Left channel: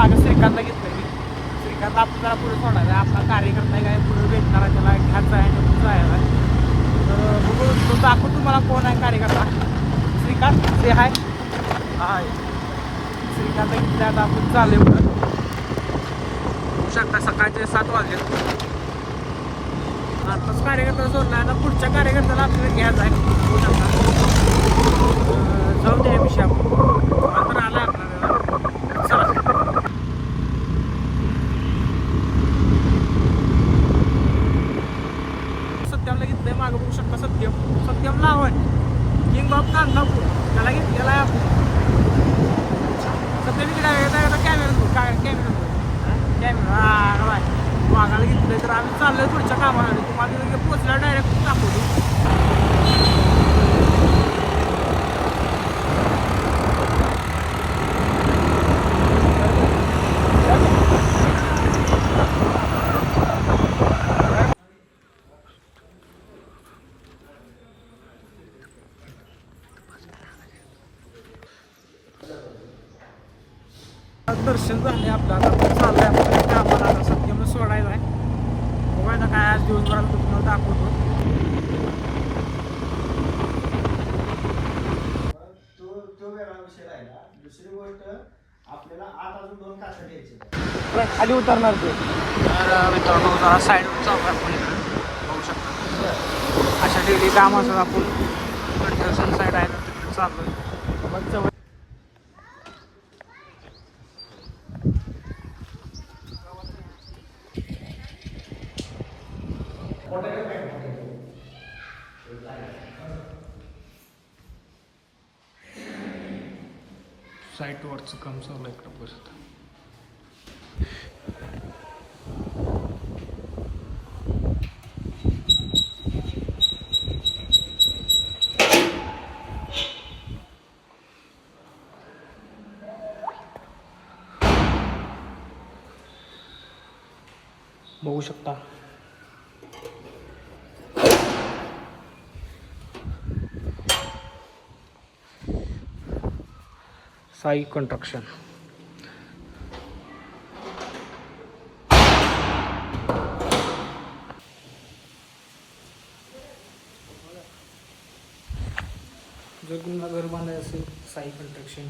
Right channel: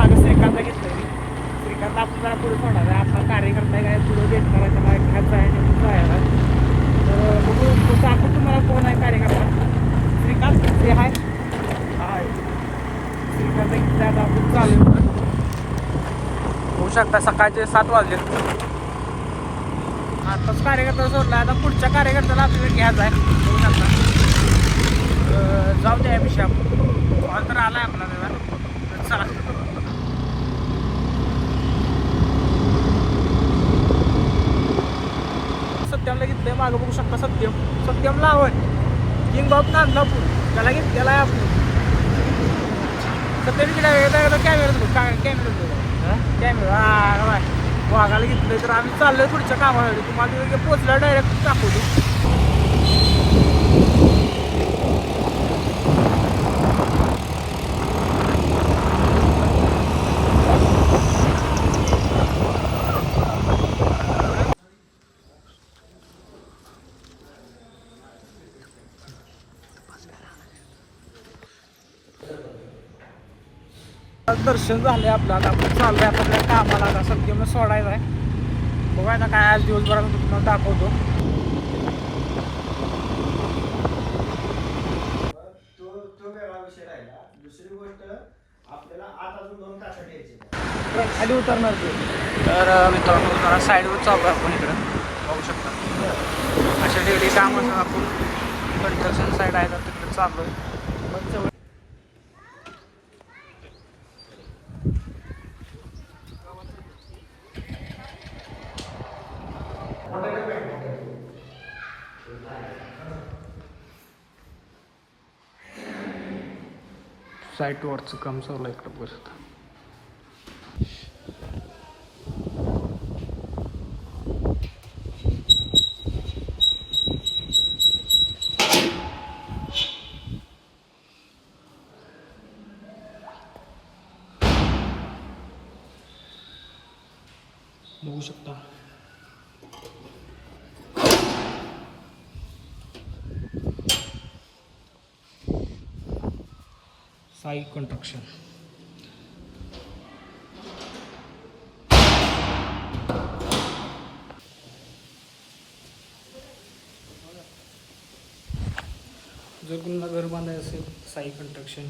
मागे श्रीकांतला घेतलं श्रीकांत आपल्याला पुढे सोडायचं आपला कार्यकर्ता आहे काय पुढे भेटणार त्याला घ्यायचा आहे जायला बघू तो सांगू तुम्हाला कोण आहे कार्यकर्ता श्रीकांत ते आहे श्रीकांत इकडे आता आपण चालले म्हणून होऊ शकता सकाळचे 7 वाजले आताच कार्यकर्ता सोडला आता पुढच्या कार्यकर्त्याला आपल्याला घ्यायचा आहे होऊ शकता जाऊ द्या विषय तर आला आपल्याला सत्यमला घेतलंय मागं बघू शकता सत्यमला आवड किंग बाप नांदापूर त्याला घेतलेला आहे आपण सत्यम कॅमेरा हा वाघाला घेतलंय तर आम्ही चाललोय पुढच्या कामासाठी तुम्हाला तिथे पोचला डायरेक्ट दाखवतो दर्शन झाले आपलं आता आपण चाललोय आपल्याला कामाला आता सत्यम सोडायला आहे बघाय ना काय आज दिवसभराला तुम्हाला दाखवतो तो वेगळा विषय राहिला दुसरी गोष्ट आपल्याला 8 अजून 2 तास घ्यायचे खाली उतरणार ते तर मित्रांनो जरा साईडवर चालू आहे आपण इकडं बघू शकता अशा ठिकाणी काम असं आपण कंस्ट्रक्शन साईड आहे तर तिकडे चाललोय साईट वरचं काम चालू आहे इकडं बसत बघू शकता साई कंस्ट्रक्शन जर कुणाला घर बांधायचं असेल साई कंस्ट्रक्शन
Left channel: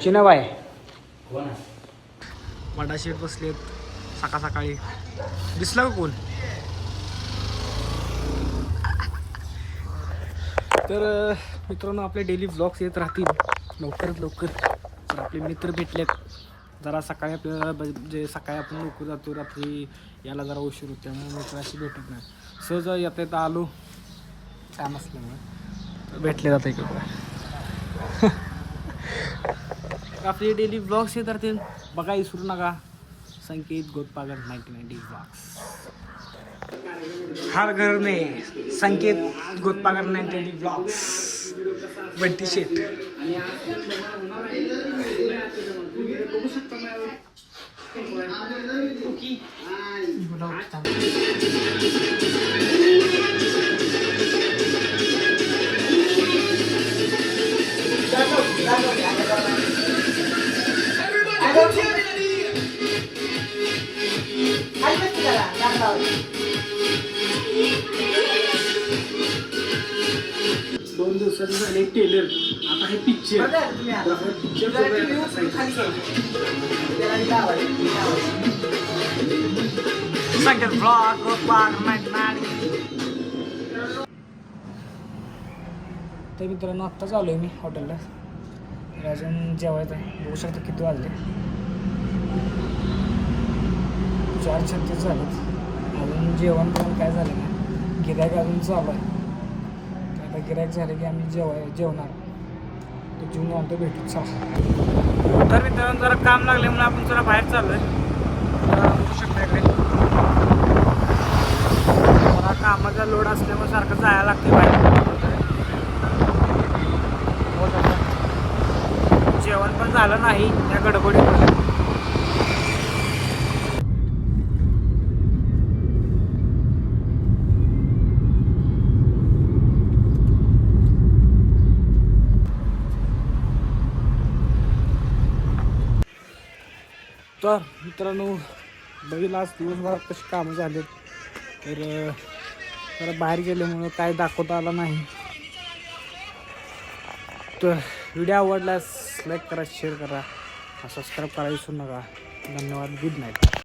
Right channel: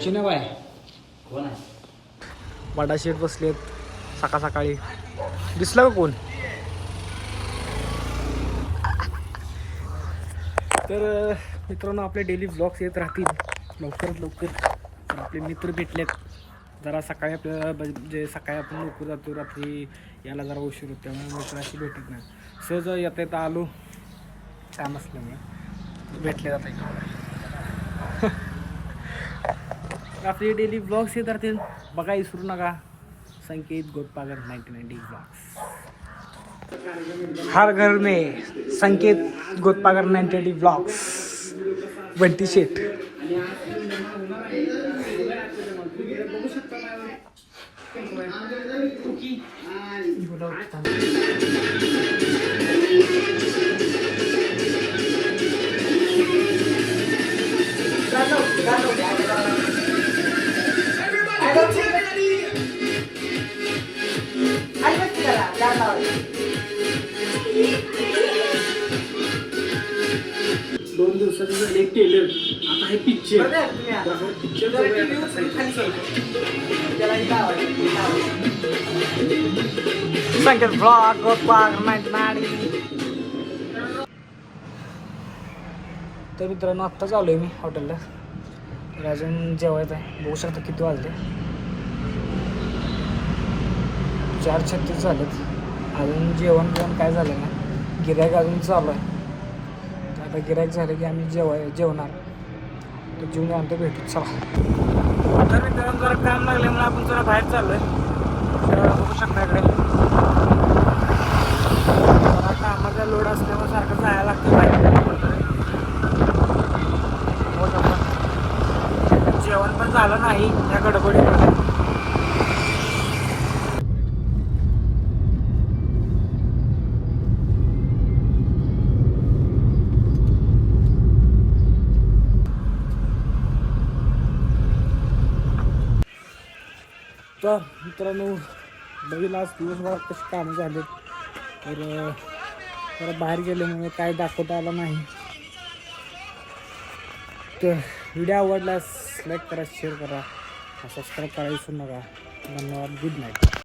चिनाबाई कोण आहे वाडा शेठ बसलेत सकाळी दिसला का कोण तर मित्रांनो आपले डेली ब्लॉग्स येत राहतील लवकरात लवकर तर आपले मित्र भेटलेत जरा सकाळी आपल्याला म्हणजे सकाळी आपण लवकर जातो रात्री याला जरा उशीर होतो त्यामुळे मित्राशी भेटत नाही सहज येता येता आलो काम असल्यामुळे भेटले जातं इकडं आपले डेली ब्लॉग्स येत राहतील बघा विसरू नका संकेत गोतपागर 99 ब्लॉग्स हर घर में संकेत गोतपागर 99 ब्लॉग्स बंटी शेठ दोन दिवसांनी झाले टेलर आता हे पिक्चर संकेत ब्लॉग गोतपागर 99 तर मित्रांनो आत्ताच आलो आहे मी हॉटेलला अजून जेवायचं आहे बघू शकता किती वाजले 4:36 झालेत अजून जेवण काय झालं ना गिऱ्हाईक अजून चालू आहे आता गिऱ्हाईक झालं की आम्ही जेवणार तर जेवून आणतो भेटू चला तर मित्रांनो जरा काम लागले म्हणून आपण जरा बाहेर चाललो आहे बघू शकता इकडे जरा कामाचा लोड असल्यामुळे सारखं जायला लागते बाहेर हो शकता जेवण पण झालं नाही त्या गडबडीमध्ये तर मित्रांनो बघील आज दिवसभरात कशी कामं झालेत तर जरा बाहेर गेल्यामुळं काय दाखवता आला नाही. तर व्हिडिओ आवडल्यास लाईक करा, शेअर करा, सबस्क्राईब करायला विसरू नका. धन्यवाद. Good night.